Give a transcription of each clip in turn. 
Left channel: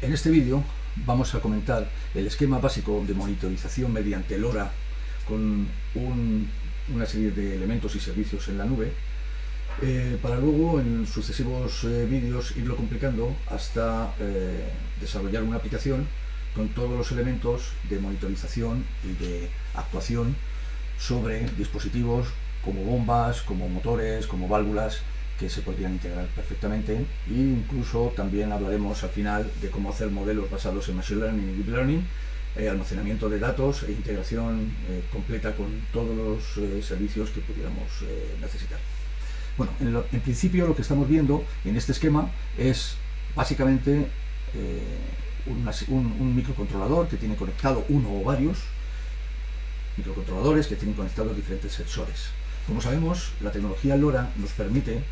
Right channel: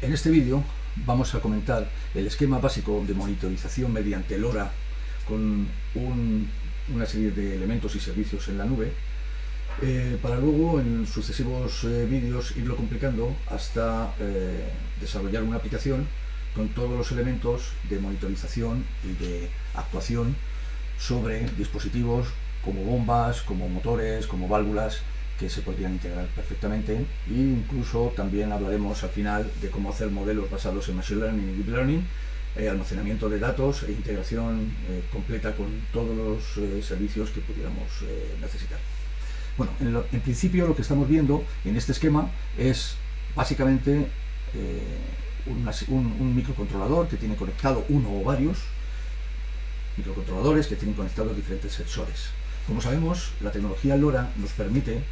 En este vídeo vamos a comentar el esquema básico de monitorización mediante LoRa con una serie de elementos y servicios en la nube, para luego en sucesivos vídeos irlo complicando hasta desarrollar una aplicación con todos los elementos de monitorización y de actuación sobre dispositivos como bombas, como motores, como válvulas, que se podrían integrar perfectamente, e incluso también hablaremos al final de cómo hacer modelos basados en Machine Learning y Deep Learning, almacenamiento de datos e integración completa con todos los servicios que pudiéramos necesitar. Bueno, en principio lo que estamos viendo en este esquema es básicamente un microcontrolador que tiene conectado uno o varios microcontroladores que tienen conectados diferentes sensores. Como sabemos, la tecnología LoRa nos permite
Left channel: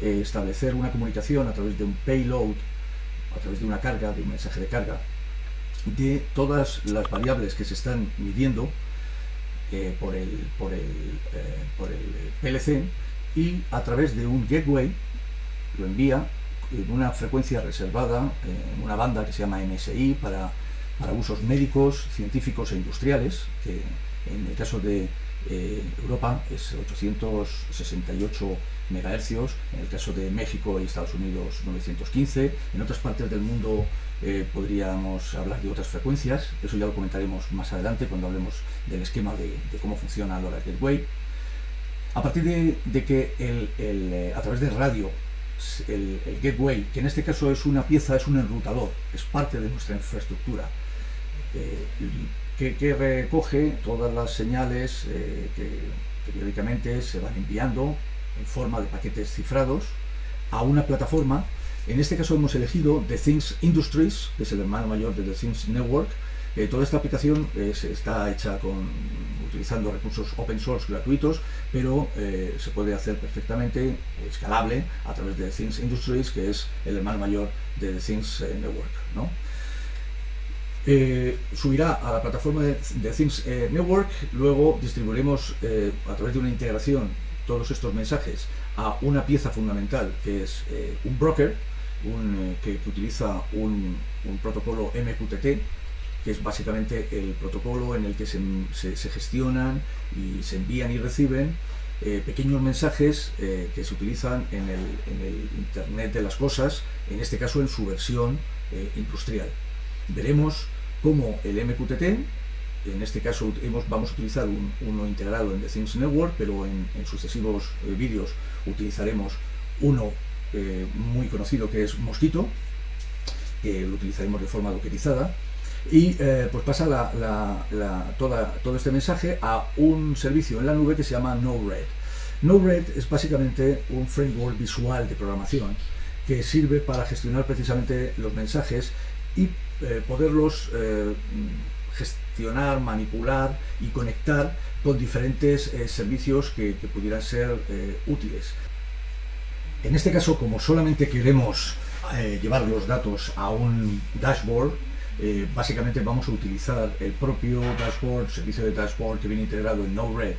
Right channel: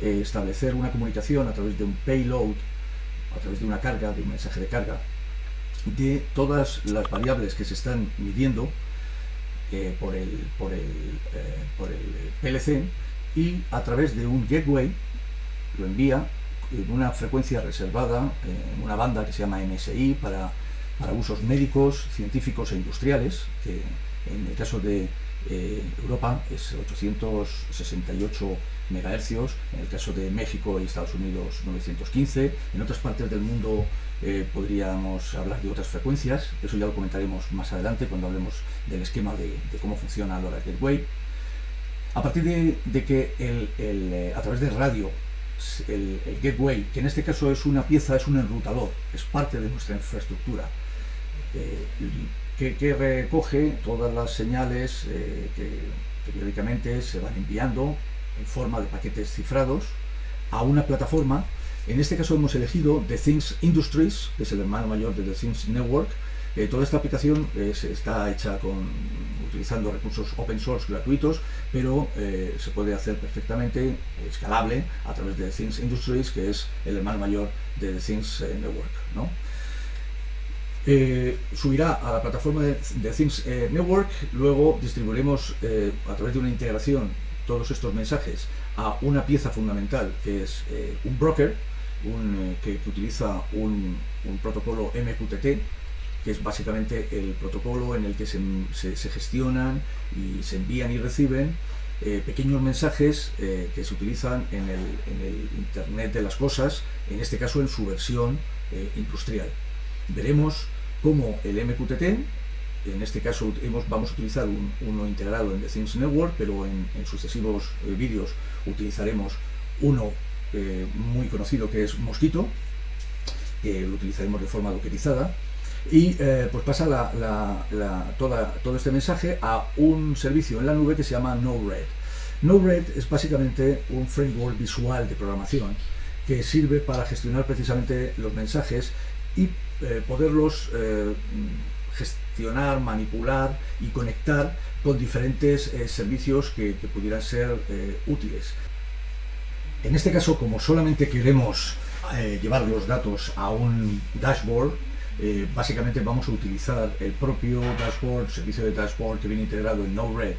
establecer una comunicación a través de un payload, a través de una carga, de un mensaje de carga, de todas las variables que se están midiendo por el PLC, y a través de un gateway lo envía en una frecuencia reservada, en una banda que se llama MSI para usos médicos, científicos e industriales, que en el caso de Europa es 868 MHz, en el caso de México y Estados Unidos 915, en otras partes del mundo podríamos hablar de otras frecuencias, eso ya lo comentaremos más adelante cuando hablemos del esquema de cómo funciona LoRa Gateway. A partir de que a través del radio, el gateway, que en este caso es una pieza, es un enrutador, es parte de nuestra infraestructura, que recoge todas las señales que periódicamente se van enviando en forma de paquetes cifrados a una plataforma. En este caso hemos elegido The Things Industries, que es el hermano mayor de The Things Network. Toda esta aplicación está hecha utilizando recursos open source gratuitos, pero se puede hacer perfectamente escalable a través de The Things Industries, que es el hermano mayor de The Things Network, ¿no? Subirá a la plataforma de Things Network, luego distribuiremos a través de una integración todos estos mensajes a una pieza fundamental que es un broker, que utiliza un protocolo MQTT, que es básicamente el protocolo en el que se gestionan y se envían y reciben pequeños mensajes que se utilizan en el Internet de las cosas, en este caso en su versión industrial. Veremos cómo el MQTT, en este caso vamos a utilizar uno integrado en The Things Network, pero en sucesivos vídeos utilizaremos uno muy conocido que es Mosquito, lo utilizaremos de forma dockerizada, y pues pasa todo este mensaje a un servicio en la nube que se llama Node-RED. Node-RED es básicamente un framework visual de programación que sirve para gestionar precisamente los mensajes y poderlos gestionar, manipular y conectar con diferentes servicios que pudieran ser útiles. En este caso, como solamente queremos llevar los datos a un dashboard, básicamente vamos a utilizar el propio dashboard, servicio de dashboard que viene integrado en Node-RED,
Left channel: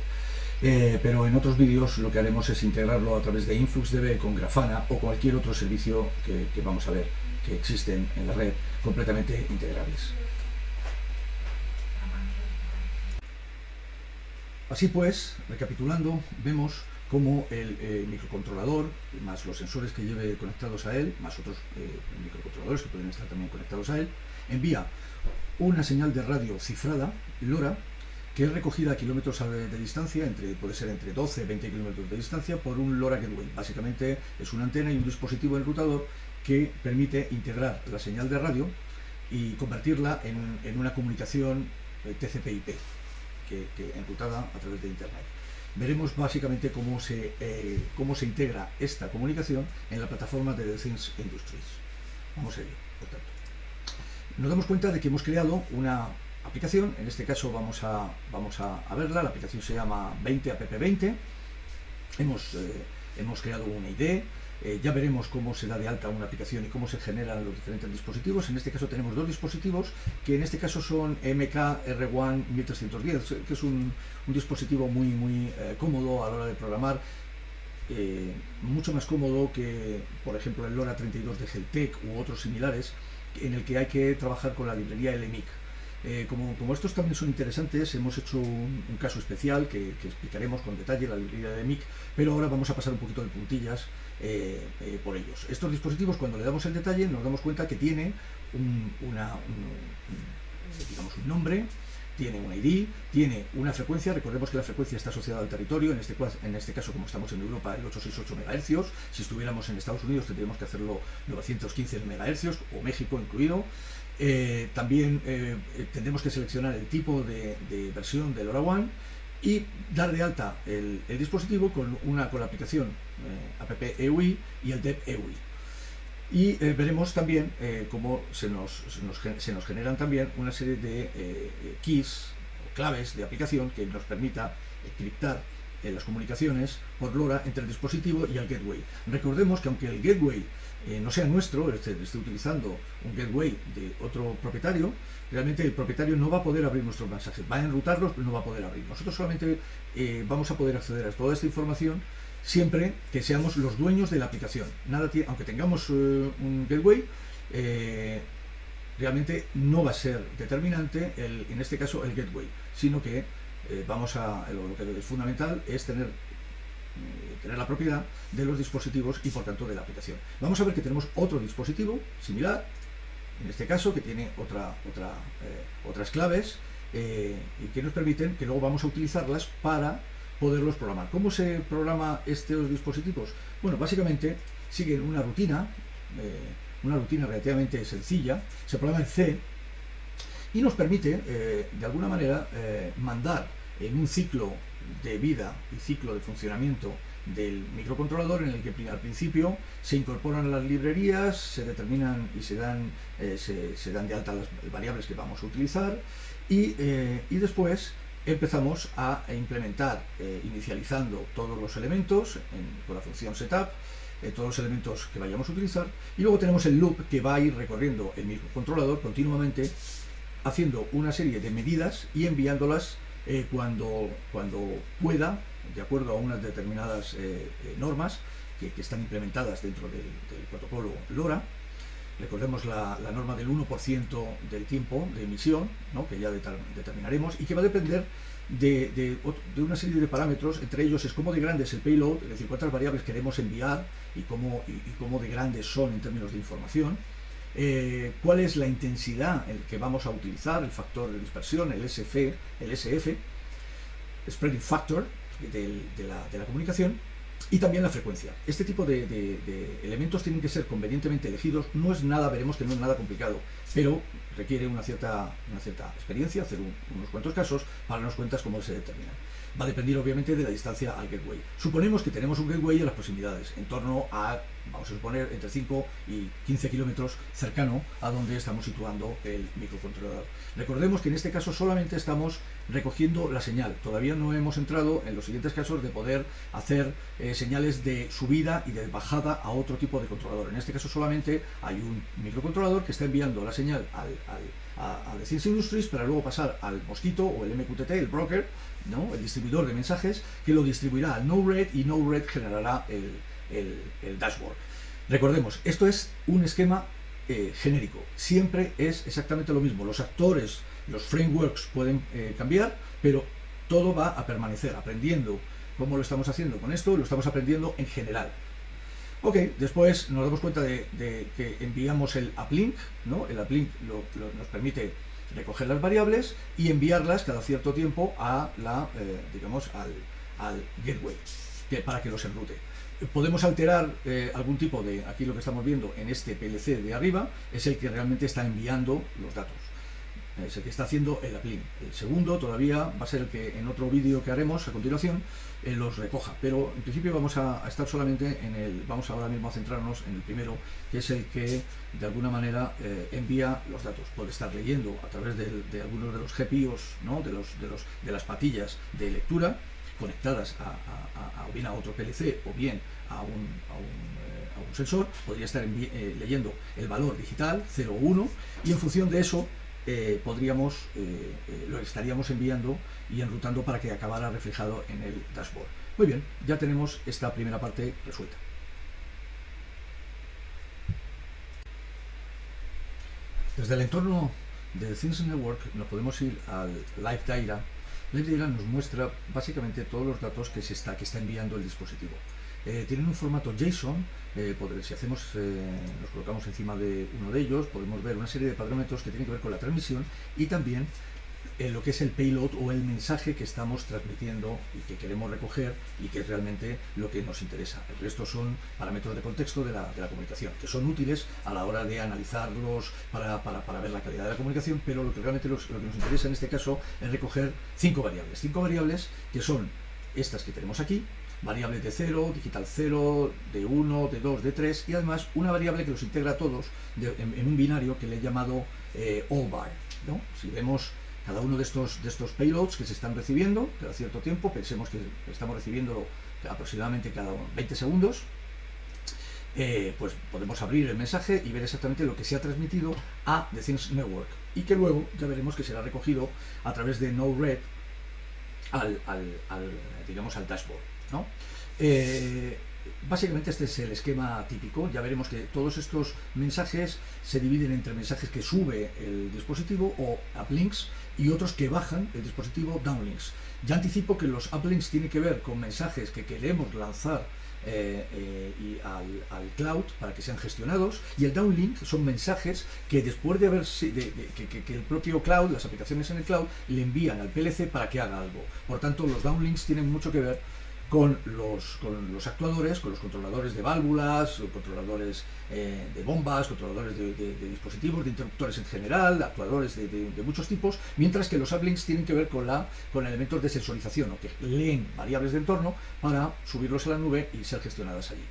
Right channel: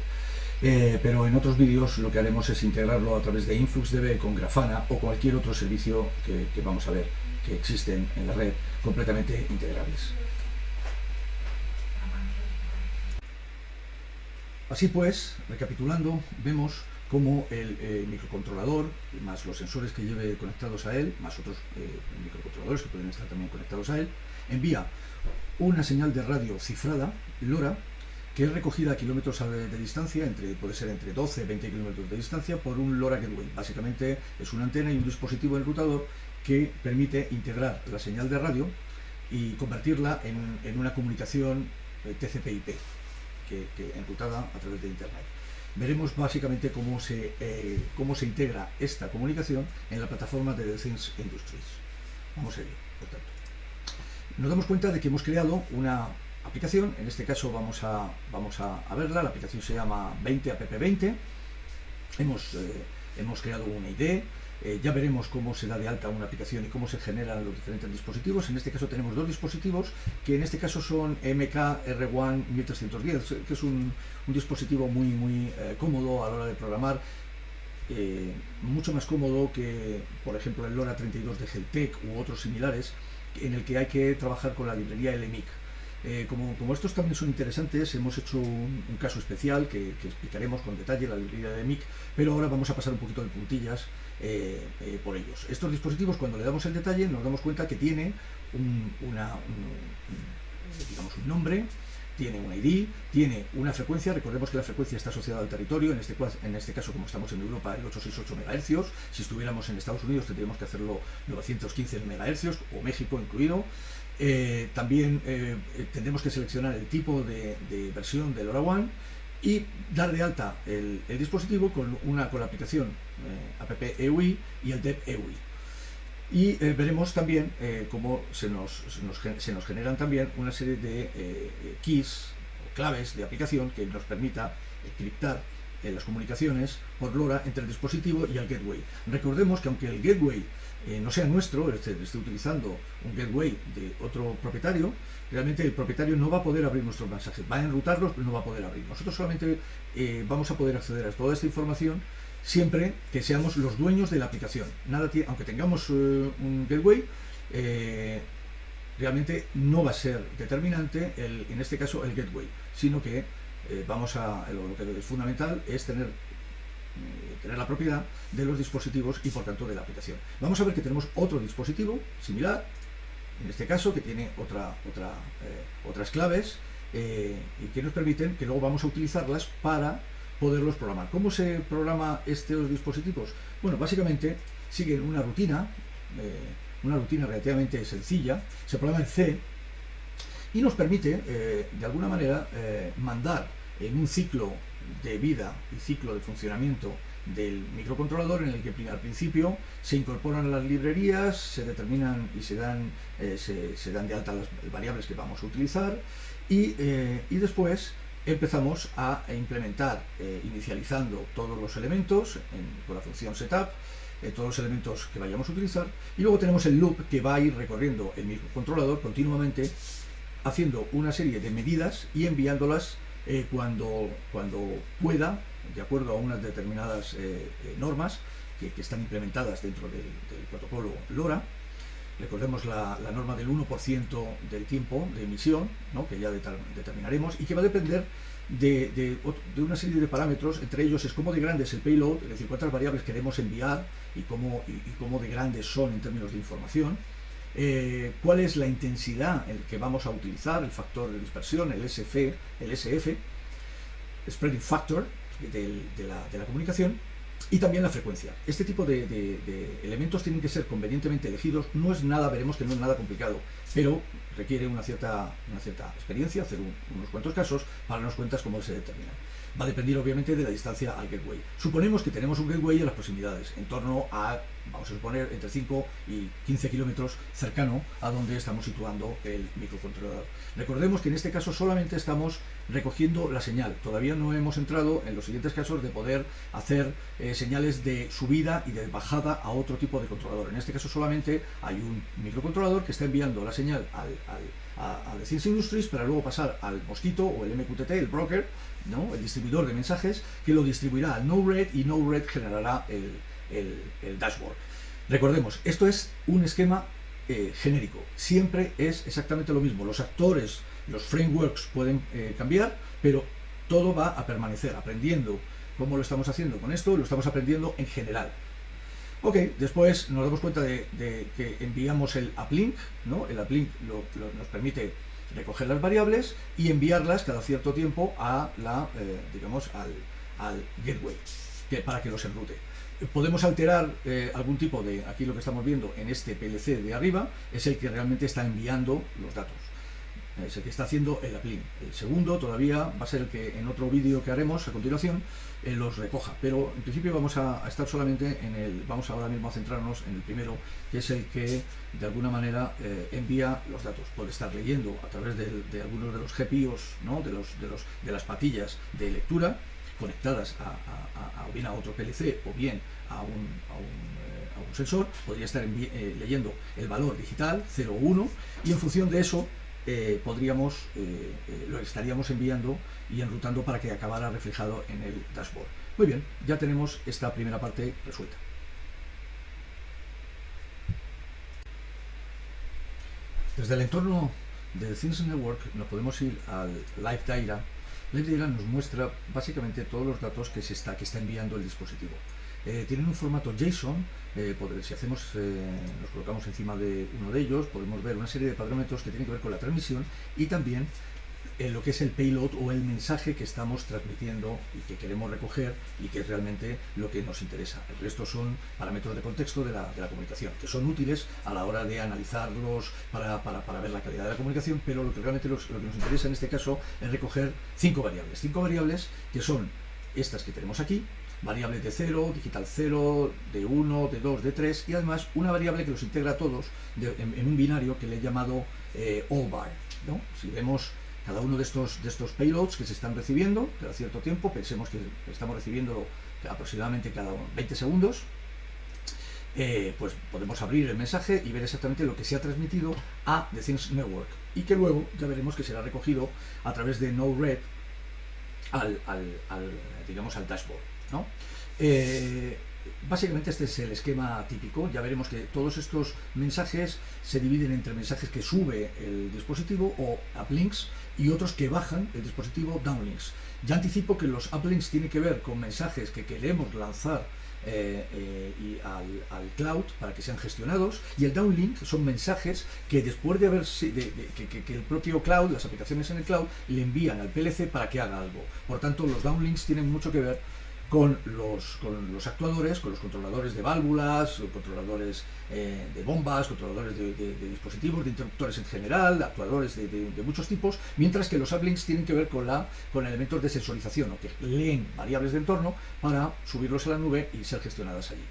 pero en otros vídeos lo que haremos es integrarlo a través de InfluxDB con Grafana o cualquier otro servicio que vamos a ver que existen en la red completamente integrables. Así pues, recapitulando, vemos cómo el microcontrolador, más los sensores que lleve conectados a él, más otros microcontroladores que pueden estar también conectados a él, envía una señal de radio cifrada, LoRa, que es recogida a kilómetros de distancia, puede ser entre 12 y 20 kilómetros de distancia, por un LoRa Gateway. Básicamente es una antena y un dispositivo enrutador que permite integrar la señal de radio y convertirla en una comunicación TCP/IP, enrutada a través de Internet. Veremos básicamente cómo se integra esta comunicación en la plataforma de The Things Industries. Vamos a ello, por tanto. Nos damos cuenta de que hemos creado una aplicación, en este caso vamos a verla. La aplicación se llama 20app20. Hemos creado una ID, ya veremos cómo se da de alta una aplicación y cómo se generan los diferentes dispositivos. En este caso tenemos dos dispositivos, que en este caso son MK-R1 1310, que es un dispositivo muy cómodo a la hora de programar, mucho más cómodo que, por ejemplo, el LoRa 32 de Heltec u otros similares, en el que hay que trabajar con la librería LMIC. Como estos también son interesantes, hemos hecho un caso especial que explicaremos con detalle la librería de MIC, pero ahora vamos a pasar un poquito de puntillas por ellos. Estos dispositivos, cuando le damos el detalle, nos damos cuenta que tiene digamos un nombre, tiene un ID, tiene una frecuencia. Recordemos que la frecuencia está asociada al territorio, en este caso, como estamos en Europa, el 868 MHz. Si estuviéramos en Estados Unidos tendríamos que hacerlo 915 MHz, o México incluido. También tendremos que seleccionar el tipo de versión del LoRaWAN y dar de alta el dispositivo con la aplicación app EUI y el DEP EUI. Y veremos también cómo se nos generan también una serie de keys o claves de aplicación que nos permita encriptar las comunicaciones por LoRa entre el dispositivo y el gateway. Recordemos que aunque el gateway no sea nuestro, esté utilizando un gateway de otro propietario, realmente el propietario no va a poder abrir nuestros mensajes, va a enrutarlos pero no va a poder abrir. Nosotros solamente vamos a poder acceder a toda esta información siempre que seamos los dueños de la aplicación. Aunque tengamos un gateway, realmente no va a ser determinante en este caso el gateway, sino que lo que es fundamental es tener la propiedad de los dispositivos y por tanto de la aplicación. Vamos a ver que tenemos otro dispositivo similar, en este caso, que tiene otras claves y que nos permiten que luego vamos a utilizarlas para poderlos programar. ¿Cómo se programa estos dispositivos? Bueno, básicamente siguen una rutina relativamente sencilla, se programa en C y nos permite, de alguna manera, mandar en un ciclo de vida y ciclo de funcionamiento del microcontrolador, en el que al principio se incorporan las librerías, se determinan y se dan de alta las variables que vamos a utilizar y después empezamos a implementar, inicializando todos los elementos con la función setup, todos los elementos que vayamos a utilizar, y luego tenemos el loop que va a ir recorriendo el microcontrolador continuamente, haciendo una serie de medidas y enviándolas cuando pueda, de acuerdo a unas determinadas normas que están implementadas dentro del protocolo LoRa. Recordemos la norma del 1% del tiempo de emisión, ¿no?, que ya determinaremos, y que va a depender de una serie de parámetros. Entre ellos es cómo de grande es el payload, es decir, cuántas variables queremos enviar y cómo de grandes son en términos de información. Cuál es la intensidad que vamos a utilizar, el factor de dispersión, el SF, spreading factor de la comunicación, y también la frecuencia. Este tipo de elementos tienen que ser convenientemente elegidos. Veremos que no es nada complicado, pero requiere una cierta experiencia, hacer unos cuantos casos para darnos cuenta cómo se determina. Va a depender obviamente de la distancia al gateway. Suponemos que tenemos un gateway en las proximidades, en torno a, vamos a suponer, entre 5 y 15 kilómetros cercano a donde estamos situando el microcontrolador. Recordemos que en este caso solamente estamos recogiendo la señal. Todavía no hemos entrado en los siguientes casos de poder hacer señales de subida y de bajada a otro tipo de controlador. En este caso solamente hay un microcontrolador que está enviando la señal a The Science Industries para luego pasar al Mosquito o el MQTT, el broker, ¿no?, el distribuidor de mensajes, que lo distribuirá al Node-RED y Node-RED generará el dashboard. Recordemos, esto es un esquema genérico, siempre es exactamente lo mismo. Los actores, los frameworks pueden cambiar, pero todo va a permanecer. Aprendiendo cómo lo estamos haciendo con esto, lo estamos aprendiendo en general. Ok, después nos damos cuenta de que enviamos el uplink, ¿no? El uplink nos permite recoger las variables y enviarlas cada cierto tiempo a al gateway para que los enrute. Podemos alterar algún tipo de, aquí lo que estamos viendo en este PLC de arriba es el que realmente está enviando los datos, es el que está haciendo el uplink. El segundo todavía va a ser el que en otro vídeo que haremos a continuación los recoja, pero en principio vamos a estar solamente vamos ahora mismo a centrarnos en el primero, que es el que de alguna manera envía los datos. Puede estar leyendo a través de algunos de los GPIOs, ¿no?, de las patillas de lectura conectadas o bien a otro PLC o bien a un sensor. Podría estar leyendo el valor digital 0 o 1, y en función de eso lo estaríamos enviando y enrutando para que acabara reflejado en el dashboard. Muy bien, ya tenemos esta primera parte resuelta. Desde el entorno de Things Network nos podemos ir al Live Data. Live Data nos muestra básicamente todos los datos que está enviando el dispositivo. Tienen un formato JSON. Si nos colocamos encima de uno de ellos, podemos ver una serie de parámetros que tienen que ver con la transmisión y también lo que es el payload o el mensaje que estamos transmitiendo y que queremos recoger y que es realmente lo que nos interesa. El resto son parámetros de contexto de la comunicación, que son útiles a la hora de analizarlos para ver la calidad de la comunicación, pero lo que realmente lo que nos interesa en este caso es recoger 5 variables. 5 variables que son estas que tenemos aquí, variables de 0, digital 0, de 1, de 2, de 3 y además una variable que los integra a todos en un binario que le he llamado all by, ¿no? Si vemos cada uno de estos payloads que se están recibiendo cada cierto tiempo, pensemos que estamos recibiéndolo aproximadamente cada 20 segundos, pues podemos abrir el mensaje y ver exactamente lo que se ha transmitido a The Things Network y que luego ya veremos que será recogido a través de Node-RED digamos al dashboard, ¿no? Básicamente este es el esquema típico. Ya veremos que todos estos mensajes se dividen entre mensajes que sube el dispositivo o uplinks y otros que bajan el dispositivo downlinks. Ya anticipo que los uplinks tienen que ver con mensajes que queremos lanzar al cloud para que sean gestionados, y el downlink son mensajes que después de haber que el propio cloud, las aplicaciones en el cloud, le envían al PLC para que haga algo. Por tanto, los downlinks tienen mucho que ver con los actuadores, con los controladores de válvulas, controladores de bombas, controladores de dispositivos, de interruptores en general, actuadores de muchos tipos, mientras que los uplinks tienen que ver con elementos de sensorización, o que leen variables de entorno para subirlos a la nube y ser gestionadas allí.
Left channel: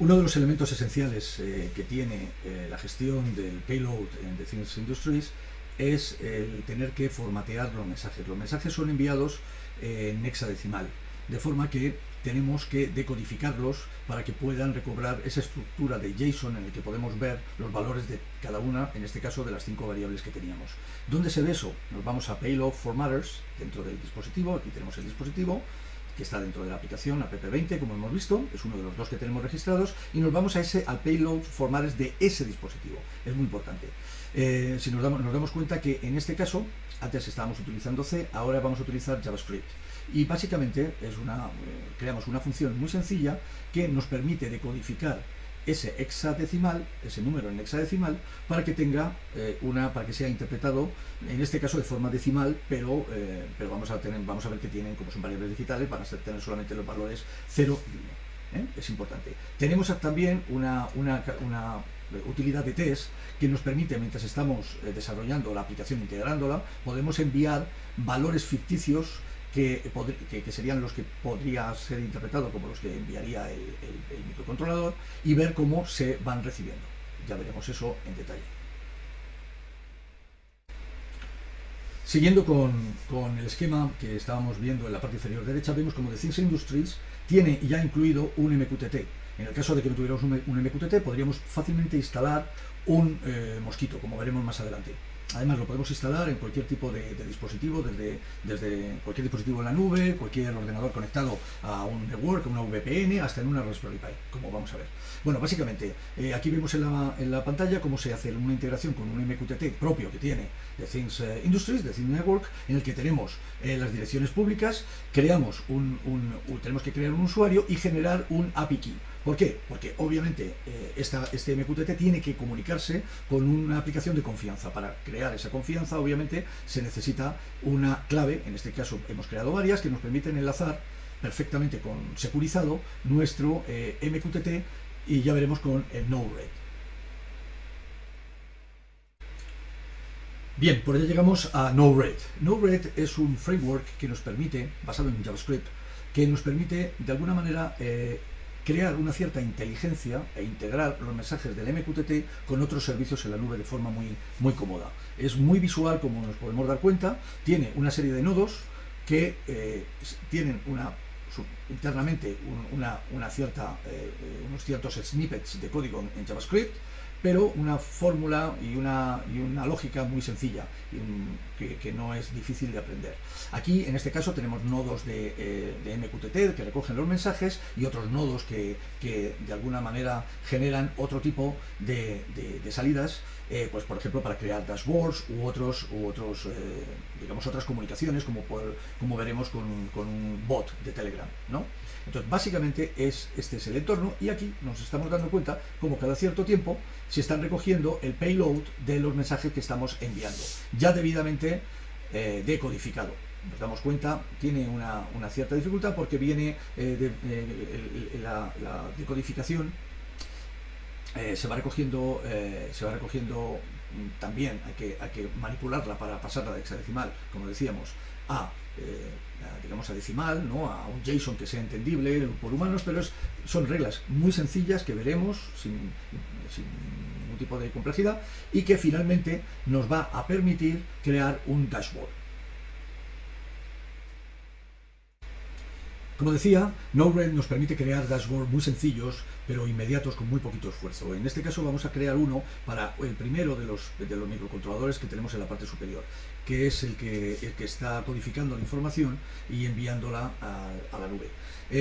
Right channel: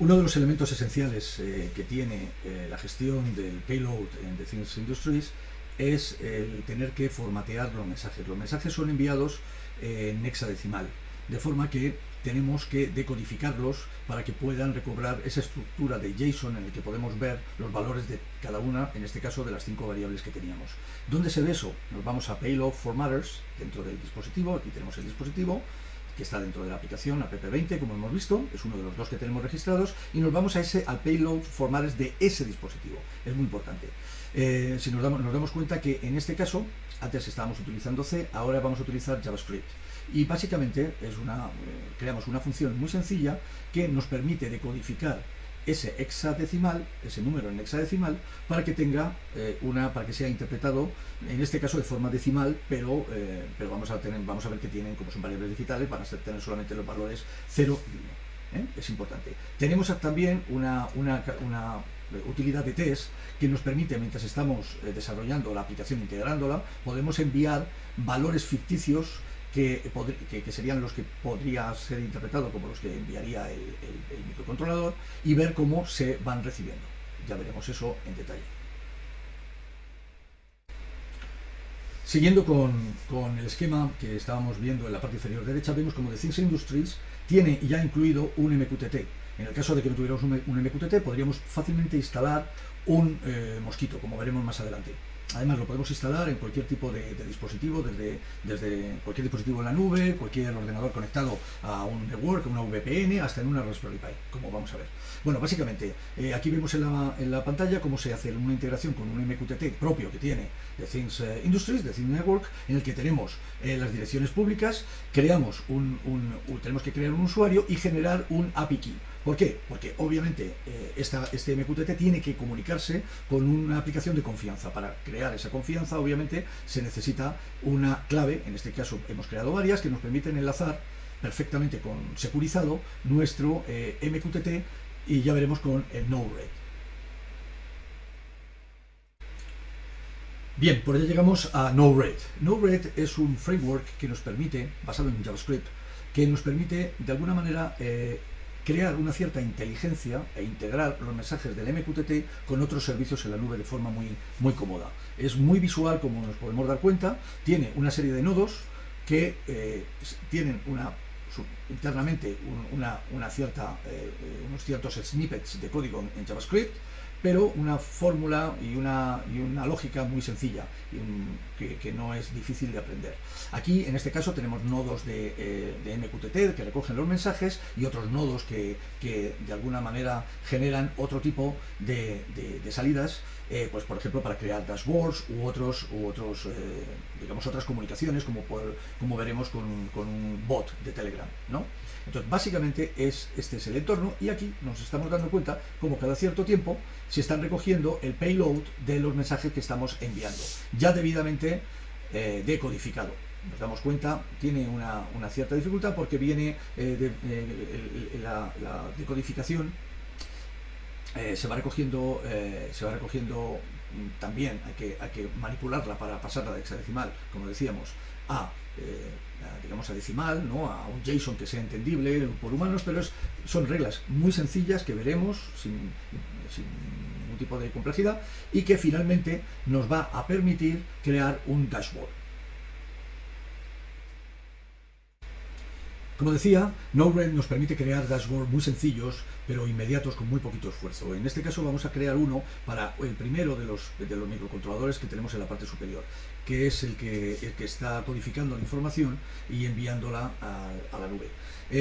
Uno de los elementos esenciales que tiene la gestión del payload en The Things Industries es el tener que formatear los mensajes. Los mensajes son enviados en hexadecimal, de forma que tenemos que decodificarlos para que puedan recobrar esa estructura de JSON en el que podemos ver los valores de cada una, en este caso de las 5 variables que teníamos. ¿Dónde se ve eso? Nos vamos a Payload Formatters dentro del dispositivo. Aquí tenemos el dispositivo que está dentro de la aplicación app20, como hemos visto, es uno de los dos que tenemos registrados, y nos vamos al Payload Formatters de ese dispositivo. Es muy importante. Si nos damos cuenta que en este caso, antes estábamos utilizando C, ahora vamos a utilizar JavaScript. Y básicamente creamos una función muy sencilla que nos permite decodificar ese hexadecimal, ese número en hexadecimal, para que tenga para que sea interpretado, en este caso de forma decimal, pero vamos a ver que tienen, como son variables digitales, van a tener solamente los valores 0 y 1. Es importante. Tenemos también una utilidad de test que nos permite, mientras estamos desarrollando la aplicación, integrándola, podemos enviar valores ficticios que serían los que podría ser interpretado como los que enviaría el microcontrolador, y ver cómo se van recibiendo. Ya veremos eso en detalle. Siguiendo con el esquema que estábamos viendo en la parte inferior derecha, vemos como The Things Industries tiene ya incluido un MQTT. En el caso de que no tuviéramos un MQTT, podríamos fácilmente instalar un Mosquito, como veremos más adelante. Además, lo podemos instalar en cualquier tipo de dispositivo, desde cualquier dispositivo en la nube, cualquier ordenador conectado a un network, una VPN, hasta en una Raspberry Pi, como vamos a ver. Bueno, básicamente, aquí vemos en la pantalla cómo se hace una integración con un MQTT propio que tiene The Things Industries, The Things Network, en el que tenemos las direcciones públicas, tenemos que crear un usuario y generar un API key. ¿Por qué? Porque obviamente este MQTT tiene que comunicarse con una aplicación de confianza. Para crear esa confianza, obviamente, se necesita una clave. En este caso hemos creado varias que nos permiten enlazar perfectamente securizado nuestro MQTT, y ya veremos con el Node-RED. Bien, por ahí llegamos a Node-RED. Node-RED es un framework que nos permite, basado en JavaScript, que nos permite de alguna manera crear una cierta inteligencia e integrar los mensajes del MQTT con otros servicios en la nube de forma muy cómoda. Es muy visual, como nos podemos dar cuenta. Tiene una serie de nodos que tienen internamente unos ciertos snippets de código en JavaScript, pero una fórmula y una lógica muy sencilla, que no es difícil de aprender. Aquí, en este caso, tenemos nodos de MQTT que recogen los mensajes y otros nodos que de alguna manera generan otro tipo de salidas, pues por ejemplo para crear dashboards u otros digamos otras comunicaciones, como veremos con un bot de Telegram, ¿no? Entonces, básicamente este es el entorno, y aquí nos estamos dando cuenta como cada cierto tiempo se están recogiendo el payload de los mensajes que estamos enviando, ya debidamente decodificado. Nos damos cuenta, tiene una cierta dificultad porque viene la decodificación. Se va recogiendo también, hay que manipularla para pasarla de hexadecimal, como decíamos, digamos a decimal, ¿no? A un JSON que sea entendible por humanos, pero son reglas muy sencillas que veremos sin ningún tipo de complejidad, y que finalmente nos va a permitir crear un dashboard. Como decía, Node-RED nos permite crear dashboards muy sencillos, pero inmediatos, con muy poquito esfuerzo. En este caso vamos a crear uno para el primero de los microcontroladores que tenemos en la parte superior, que es el que está codificando la información y enviándola a la nube.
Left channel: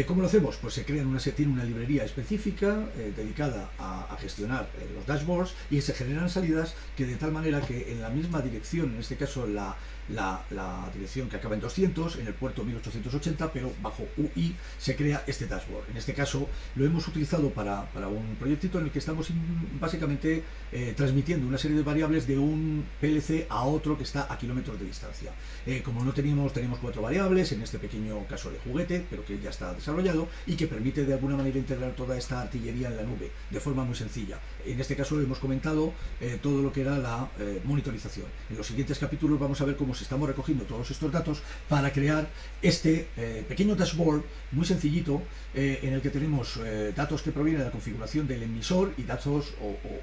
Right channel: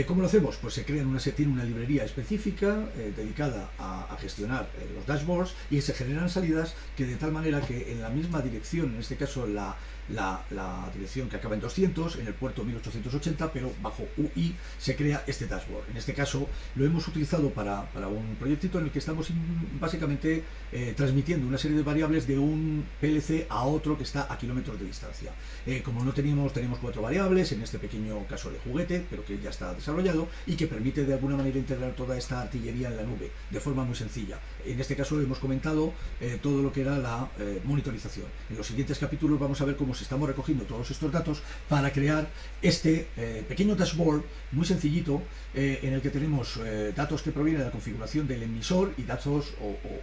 ¿Cómo lo hacemos? Pues tiene una librería específica dedicada a gestionar los dashboards, y se generan salidas que de tal manera que en la misma dirección, en este caso la dirección que acaba en 200, en el puerto 1880, pero bajo UI, se crea este dashboard. En este caso lo hemos utilizado para un proyectito en el que estamos básicamente transmitiendo una serie de variables de un PLC a otro que está a kilómetros de distancia. Como no tenemos 4 variables, en este pequeño caso de juguete, pero que ya está desarrollado y que permite de alguna manera integrar toda esta artillería en la nube de forma muy sencilla. En este caso hemos comentado todo lo que era la monitorización. En los siguientes capítulos vamos a ver cómo estamos recogiendo todos estos datos para crear este pequeño dashboard muy sencillito, en el que tenemos datos que provienen de la configuración del emisor y datos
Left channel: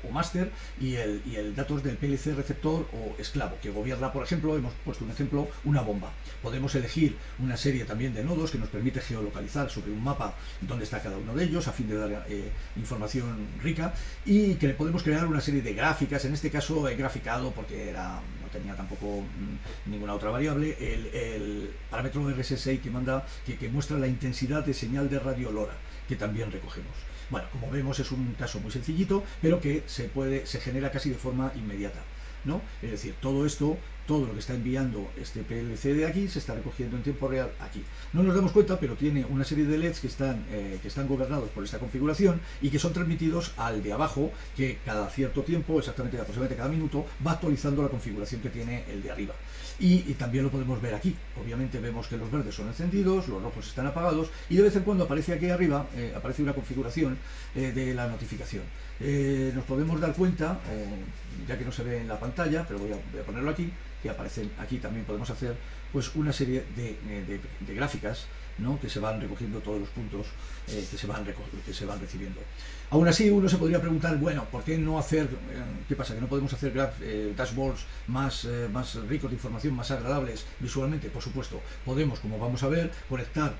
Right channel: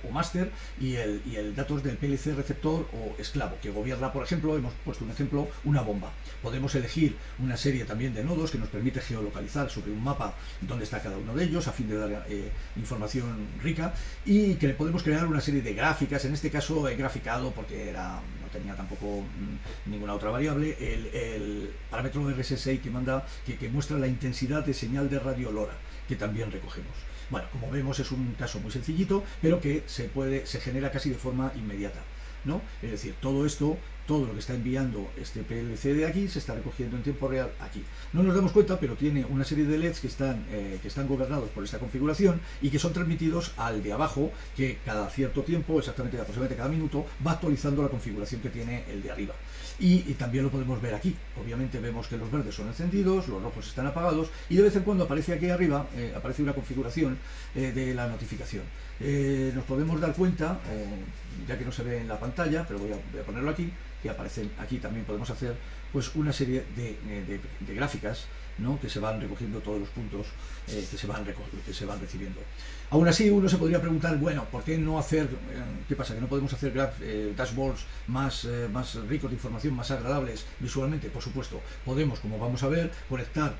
o máster, y el datos del PLC receptor o esclavo, que gobierna, por ejemplo, hemos puesto un ejemplo, una bomba. Podemos elegir una serie también de nodos que nos permite geolocalizar sobre un mapa dónde está cada uno de ellos, a fin de dar información rica, y que le podemos crear una serie de gráficas. En este caso he graficado porque no tenía tampoco ninguna otra variable, el parámetro RSSI que muestra la intensidad de señal de radio LoRa, que también recogemos. Bueno, como vemos, es un caso muy sencillito, pero que se genera casi de forma inmediata, ¿no? Es decir, todo lo que está enviando este PLC de aquí se está recogiendo en tiempo real aquí. No nos damos cuenta, pero tiene una serie de LEDs que están gobernados por esta configuración y que son transmitidos al de abajo, que cada cierto tiempo, aproximadamente cada minuto, va actualizando la configuración que tiene el de arriba. Y también lo podemos ver aquí. Obviamente vemos que los verdes son encendidos, los rojos están apagados, y de vez en cuando aparece aquí arriba, aparece una configuración de la notificación. Nos podemos dar cuenta, ya que no se ve en la pantalla, pero voy a ponerlo aquí, que aparecen aquí. También podemos hacer pues una serie de gráficas, ¿no? Que se van recogiendo todos los puntos que se van recibiendo. Aún así, uno se podría preguntar, bueno, ¿por qué no hacer, qué pasa, que no podemos hacer dashboards más ricos de información, más agradables visualmente? Por supuesto, podemos, como vamos a ver, conectar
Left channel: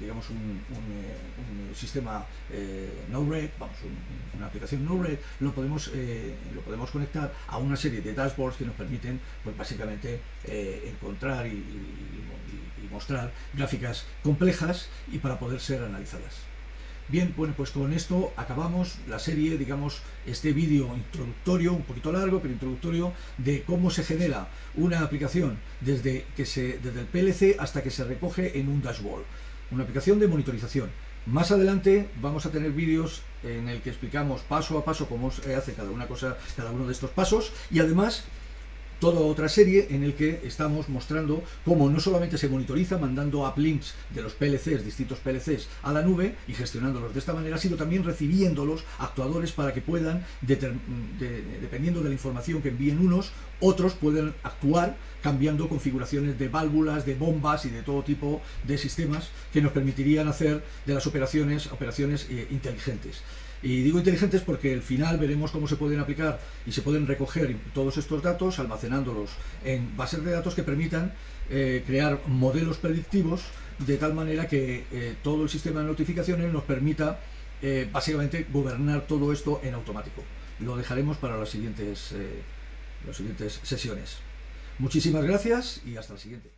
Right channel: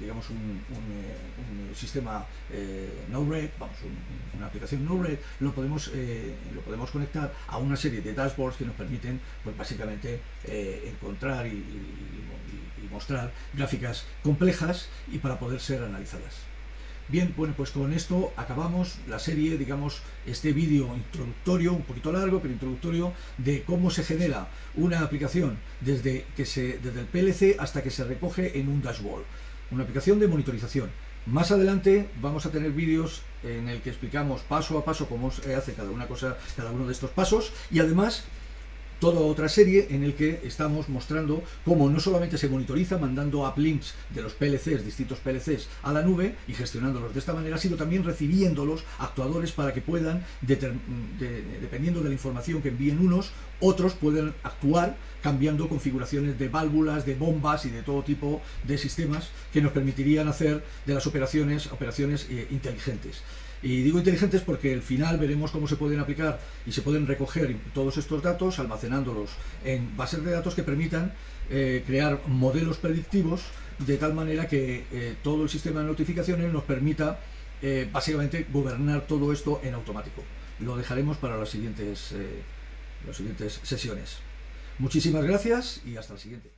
digamos un sistema Node-RED, una aplicación Node-RED, lo podemos conectar a una serie de dashboards que nos permiten, pues básicamente, encontrar y mostrar gráficas complejas y para poder ser analizadas. Bien, bueno, pues con esto acabamos la serie, digamos, este vídeo introductorio, un poquito largo, pero introductorio, de cómo se genera una aplicación desde el PLC hasta que se recoge en un dashboard. Una aplicación de monitorización. Más adelante vamos a tener vídeos en el que explicamos paso a paso cómo se hace cada uno de estos pasos, y además toda otra serie en el que estamos mostrando cómo no solamente se monitoriza mandando uplinks de los PLCs, distintos PLCs, a la nube y gestionándolos de esta manera, sino también recibiéndolos actuadores para que puedan, dependiendo de la información que envíen unos, otros pueden actuar cambiando configuraciones de válvulas, de bombas y de todo tipo de sistemas que nos permitirían hacer de las operaciones inteligentes. Y digo inteligentes porque al final veremos cómo se pueden aplicar y se pueden recoger todos estos datos, almacenándolos en bases de datos que permitan crear modelos predictivos de tal manera que todo el sistema de notificaciones nos permita básicamente gobernar todo esto en automático. Lo dejaremos para las siguientes sesiones. Muchísimas gracias y hasta el siguiente.